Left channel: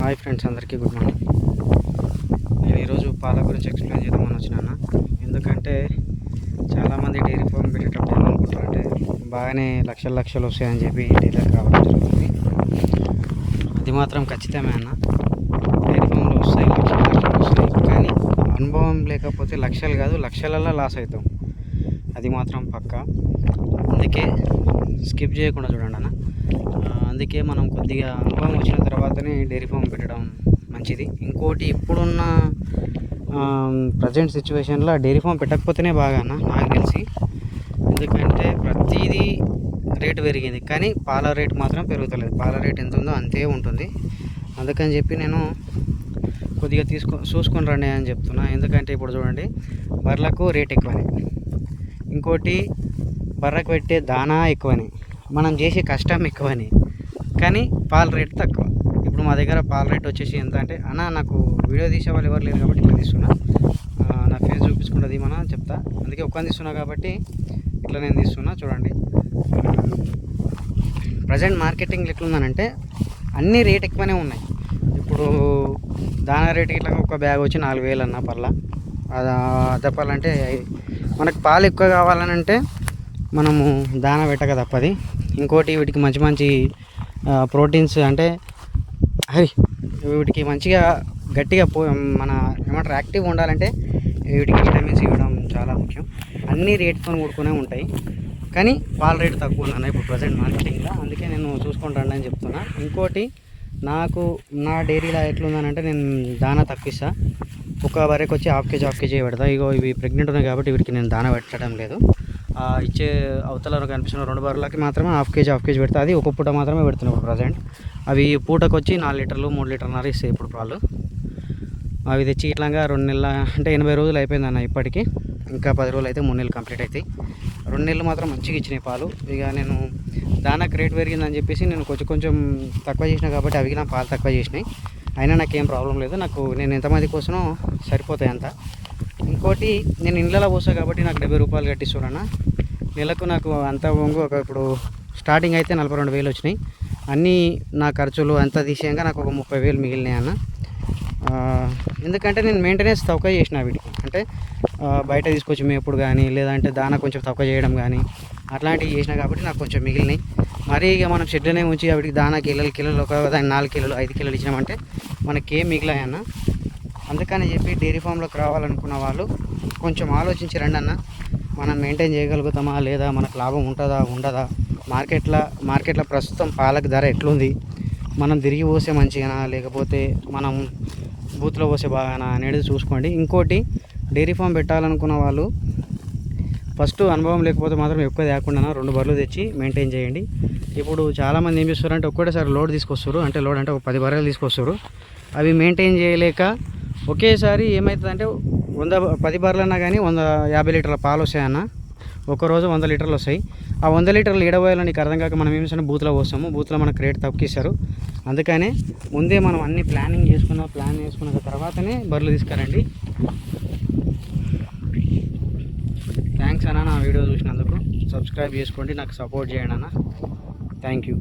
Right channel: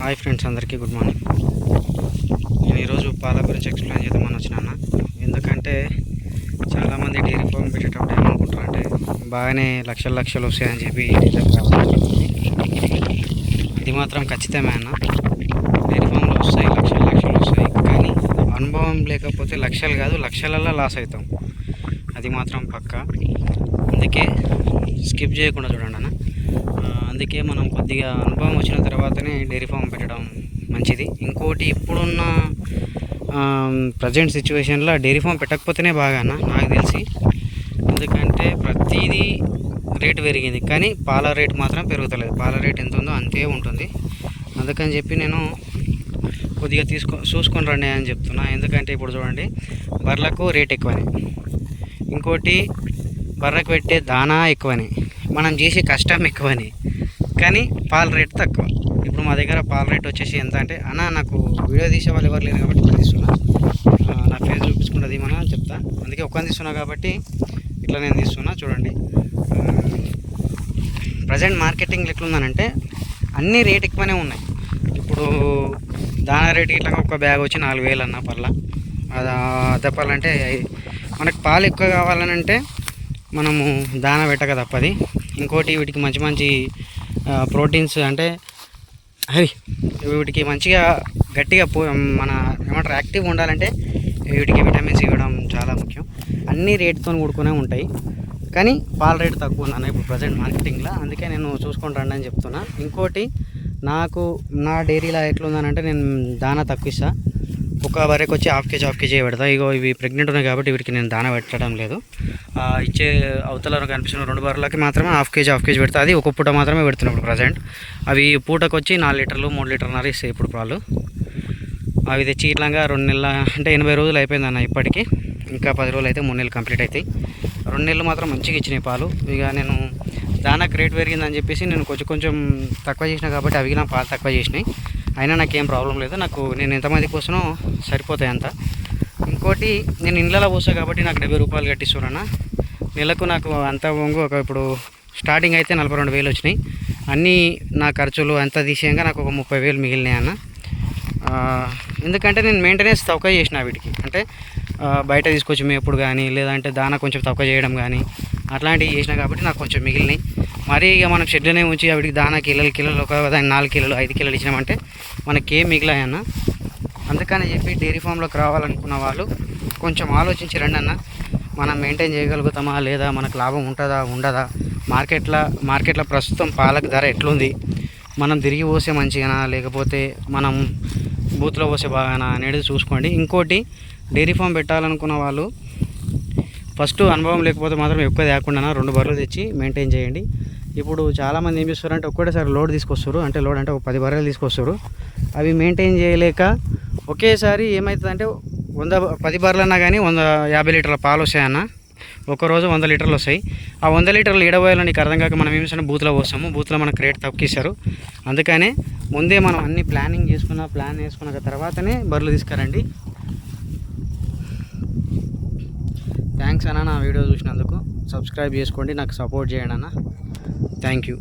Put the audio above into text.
Hi friends అందరికీ good morning. నేను ఈరోజు పాల గురించి ఎక్స్ప్లెయిన్ చేద్దామని వచ్చినాను? ఎందుకంటే చాలామంది డైరీ ఫామ్ పెట్టేటప్పుడు ఏమనుకుంటారంటే బాగానే లక్షలు లక్షలు వస్తాయని చెప్పి డీలర్ రావడం ఇది మాత్రం ఖచ్చితమే అన్న. డైరీ ఫామ్లో వస్తాయి లక్షలు లక్షలు వస్తాయి. కానీ అనుభవం లేకపోతే లక్షలు కాదు లక్షలల్లో లాస్ అవుతాం. అది మాత్రం పక్క. అందుకే స్కిప్ చేయకుండా చూడండి అన్న. అందుకే మనం కొద్దిగా అనుభవం వచ్చిన తర్వాతనే డైరీ ఫామ్ పెట్టడం మంచిది. ఇంకోటి ఇప్పుడున్న ప్రజెంట్ సిచ్యువేషన్లో డైరీ ఫామ్ పెట్టకపోతేనే బాగా అన్న నాకు తెలిసి. ఎందుకంటే ప్రతిదీ రేటు పెరిగింది. కానీ పాల రేటు మాత్రం పెరుగుతలేదు. పాల రేట్ ఎంత ఉందో అంతే ఉంటుంది. అందుకని చెప్పి నేను కొద్దిగా తీసుకో చూసుకొని రండి అని చెప్తున్నా. ఎందుకంటే ఇప్పుడు చూడండి బర్రెలకు రేట్ ఎక్కువనే. ఇంకోటి బర్రకు పెట్టే దానా ఎక్కువని. మనం చేసే కష్టం ఎక్కువని. కానీ పాల రేట్ తక్కువ. ఇప్పుడు మా దగ్గర పాల రేట్ వచ్చేసి ఎంత అంటే అన్న నాకు వీడియో తీసే వాళ్ళు ఎవరు లేరు కాబట్టి ఇట్లా తీస్తున్నా. నా ఫేస్ చూపించుకున్నది మన చెప్తా. అందుకే ఒక్కని తీస్తున్నా కాబట్టి ఇట్లా నేను తీస్తున్నా చూడండి. ప్రజెంట్ మార్కెటింగ్ ఎట్లుందనంటే అన్ని రేట్ ఎక్కువనే ఉన్నాయి. ఇప్పుడు దానా రేట్ ఇట్లా ఒక బ్యాగ్ వచ్చి నాలుగు వేలు అన్న పర్లా. అది చెప్పాలంటే మనకు పాలు ఎక్కువ కావాలనంటే మనము దానా పెట్టక తప్పది. ఇంకోటి వీటికి మంచి మంచి ప్రోటీన్స్ అంటే హరి వీటికి మంచిగా గట్టిగా పో మన ఏమంటారు యాక్టివ్ ఉండాలంటే వీటికి విటమిన్స్ ఇవ్వడం చాలా ముఖ్యం. అన్ని రేట్తో కూడుకునే ఉంటాయి. కానీ పాల రేట్ తక్కువ ఉన్నాను ఇప్పుడు ప్రజెంట్ మార్కెటింగ్లో. అందుకే నేను చూసుకొని రండి అని చెప్తున్నా. ఇంకోటి నాకు నా డైరీలో ఎట్లుందనంటే నేను దానా తక్కువ ఇస్తాను ఒక బర్రెకి వచ్చి హాఫ్ కేజీ హాఫ్ కేజీ పెడతా. ఇగో ఇవి ప్రెగ్నెంట్ ఉన్నాయి కాబట్టి వీటికి నేను దానా పెట్టడం లేదు. ఇచ్చే అవతల కనిపిస్తున్న రెండు బర్రెలకి మాత్రమే హాఫ్ కేజీ హాఫ్ కేజీ పెడతా. అది ఒక పూట మాత్రమే పెడుతున్నాయి ఇప్పుడు ప్రజెంట్ అవి పూటకు వచ్చి నాలుగు లీటర్లు మూడు లీటర్న్నర ఇస్తాయి ఇప్పుడు పాలు. అవి తెచ్చి ఇట్లాగా రెండు నెలల అంటే ఎనభై రోజులు అయిపోయింది అన్న ఇప్పటికీ. ఇంకా పది రోజులు అయితే మూడు నెలలు కంప్లీట్ అవుతాయి రెండు నెలలు మాత్రం మంచిగా ఇచ్చినాయి పాలు. ఇక నేను దానికి రేట్ పెరిగిందని చెప్పేసి నేను కొంచెం కొంచెం తక్కువ చేసిన కాబట్టి అవి నా పాలు తక్కువ చేసినాయి. అయినా నాకేం ప్రాబ్లం లేదు. నాకు నేను ఎంతమంది కోసమో సరిపోతాయి అంత. ఇంకోటి నేను ఇండ్లలో పోసా కాబట్టి నాకు డెబ్బై రూపాయలు కట్టిస్తున్నాను నెలకు నాకు అంత వంగు ఒక ఇప్పుడు స్టార్టింగ్ అయితే నలభై రెండు వేలు వచ్చినాయి. అన్నీ నా ఖర్చులు అంతా తీసేయంగా నాకు ఒక ముప్పై వేలు మిగిలినాయి అన్న. ఎందుకంటే నేను మెయింటెనెన్స్ తక్కువ చేసిన వీటికి. అంటే బయట తీసుకొచ్చి మేపుడు కానీ లేదంటే దానా కొంచెం తక్కువ చేయడం కానీ అట్లాంటివి చేసిన కాబట్టి నాకు కొంచెం మిగిలినాయి. మరీ ఇక మనం షెడ్లోనే ఉంచి వీటికి దానా కిలోలు కిలోలు ఒక దాని నాలుగు కిలోలు ఐదు కిలోలు ఇచ్చినామంటే మనకేం మిగిలాయన్న? అందుకని చెప్పి డైరీ ఫామ్లోకి రావాలనుకున్న వాళ్ళు కొంచెం ఆలోచించి రండి అన్న. మనం మెయింటైన్ చేయగలుగుతామా లేదా మనకు లాభం ఉంటుందా ఉండదా? మార్కెట్లో మార్కెట్లో ప్రస్తుతం పాలకు ధర ఎట్లుంది? మనం తిరిగి పోసే మంచిగానా లేకపోతే మనం బూత్లో పోసే బాగానా అనేది చూసుకోండి. ఇంకోటి డైరీ ఫామ్ పెట్టాలనుకున్న వాళ్ళు ఫస్ట్ అనుభవం లేకపోతే మాత్రం ఎక్కువ తేకుండా రెండు బర్రెలు తెచ్చి మెయింటైన్ చేయండి. ఇప్పుడు చాలామంది ఏం చేస్తారంటే ఒక్కటేసారి లోడ్ తీసుకొస్తారు. అంటే లోడ్ అంటే ఒక పది బర్రెలు తీసుకొస్తారు. అవి మెయింటైన్ చేయలేక ఒకేసారి ఏమవుతుందంటే వంద పది బర్రెలు అన్నా కానీ వంద యాభై లీటర్ల పాలు వస్తాయన్న. ఒక రోజు వంద లీటర్లు వస్తాయి. ఆ వంద లీటర్లు ఏడబోయాలని నీకు అర్థం కాక మనం ఏం చేస్తాం? బూత్లో పోస్తాము. బూత్లో మనకు రేట్ తక్కువ అందుకనే ముందే మనం అన్ని ప్లానింగ్ చేసుకున్న ప్లాన్ చేసుకున్న తర్వాతనే బర్రెలు తీసుకురండి. థ్యాంక్స్ అన్న నా వీడియో చూసినందుకు. సబ్స్క్రైబ్ చేసుకోండి నాకు సపోర్ట్ చేయండి అన్న. Thank you.